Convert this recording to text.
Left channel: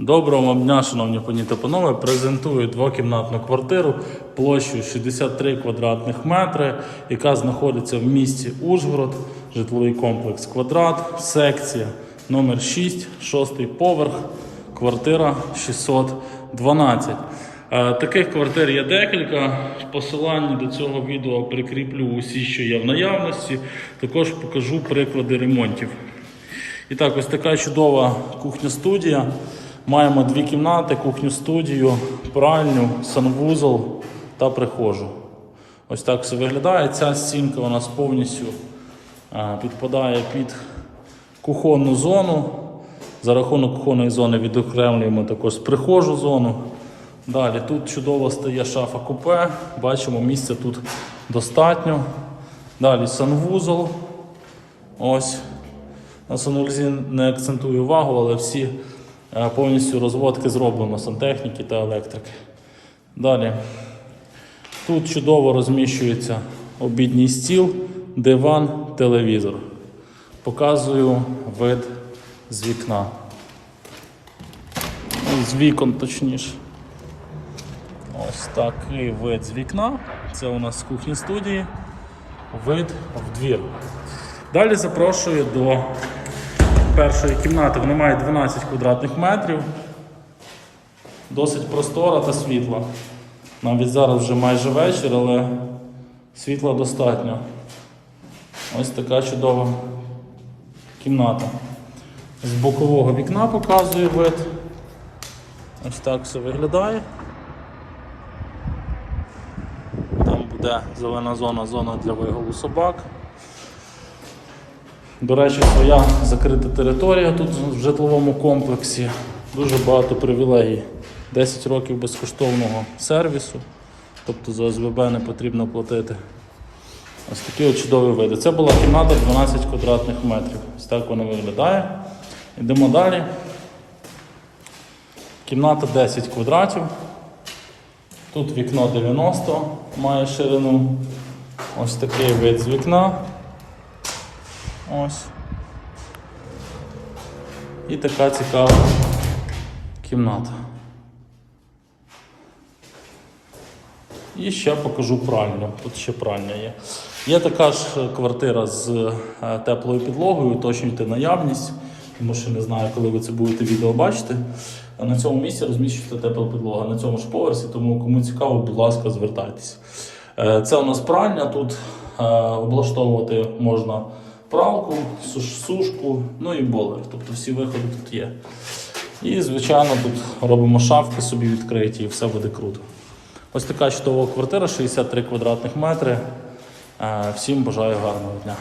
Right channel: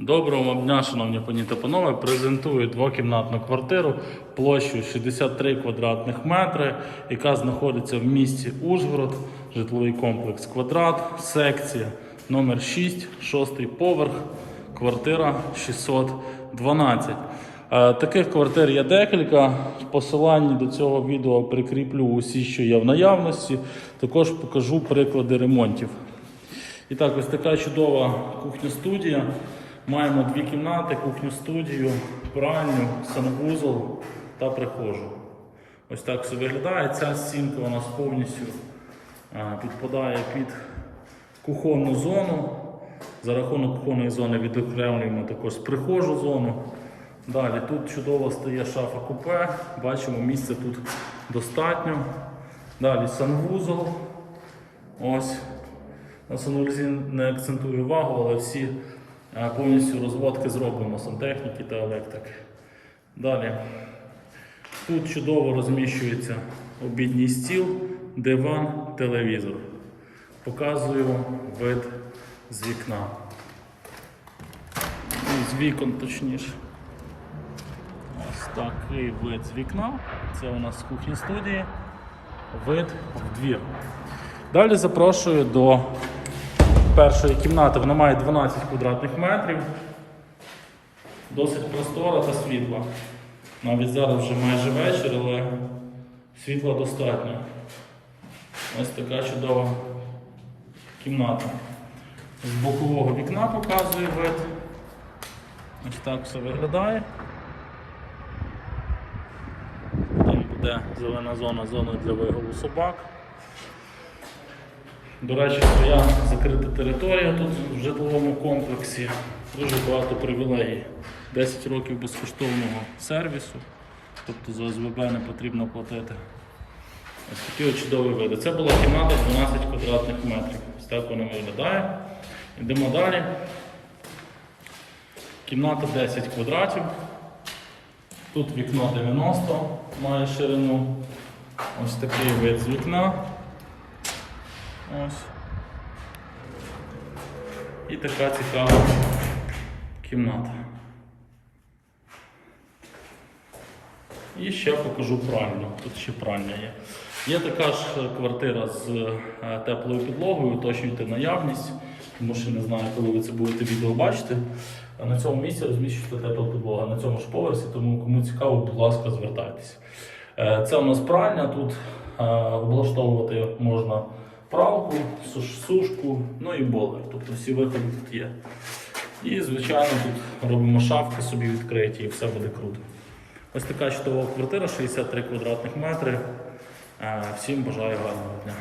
Доброго дня, шановні пані та панове. Презентую двокімнатну квартиру площею 63 квадратних метри, яка знаходиться в місті Ужгород, житловий комплекс Квадрат, секція номер 6, шостий поверх, квартира 612. Е, Таких квартир є декілька. В посиланні до цього відео прикріплю усі, що є в наявності. Також покажу приклади ремонтів. І так, ось така чудова кухня-студія. Маємо дві кімнати, кухню-студію, пральню, санвузол та прихожу. Ось так все виглядає. Ця стінка у нас повністю підпадає під кухонну зону. За рахунок кухонної зони відокремлюємо також прихожу зону. Далі тут чудово стає шафа купе. Бачимо, місця тут достатньо. Далі санвузол. Ось. На санузлі не акцентую увагу, але всі повністю розводки зроблено сантехніки та електрики. Далі. Тут чудово розміщується обідній стіл, диван, телевізор. Показую вид з вікна. З вікон точніше. Ось такий вид з вікна. Це у нас з кухні студії. Вид в двір. Далі запрошую до першої кімнати. Вона має 12 квадратних метрів. Досить простора та світла. Навіть зараз вже майже вечір, але світла достатньо. Ось така чудова кімната. З бокового вікна показую вид. Ось так все виглядає. Там буде зелена зона, зона для вигулу собак. До речі, своя закрита територія тут в житловому комплексі. Дуже багато привілегій. 10 років безкоштовного сервісу. Тобто за ОСББ не потрібно платити. Ось такі от чудові види. Це була кімната 12 квадратних метрів. Ось так вона виглядає. Йдемо далі. Кімната 10 квадратів. Тут вікно 90 має ширину. Ось такий вид з вікна. Ось. І така цікава кімната. І ще покажу пральню. Тут ще пральня є. Є така ж квартира з е, теплою підлогою, уточнюйте наявність, тому що не знаю, коли ви це будете відео бачити. На цьому місці розміщується тепла підлога на цьому ж поверсі, тому кому цікаво, будь ласка, звертайтеся. Е, Це у нас пральня. Тут е, облаштовувати можна пралку, сушку, ну і болер. Тобто всі виходи тут є. І, звичайно, тут робимо шафки собі відкриті і все буде круто. Ось така чудова квартира, 63 квадратних метри. Е, Всім бажаю гарного дня.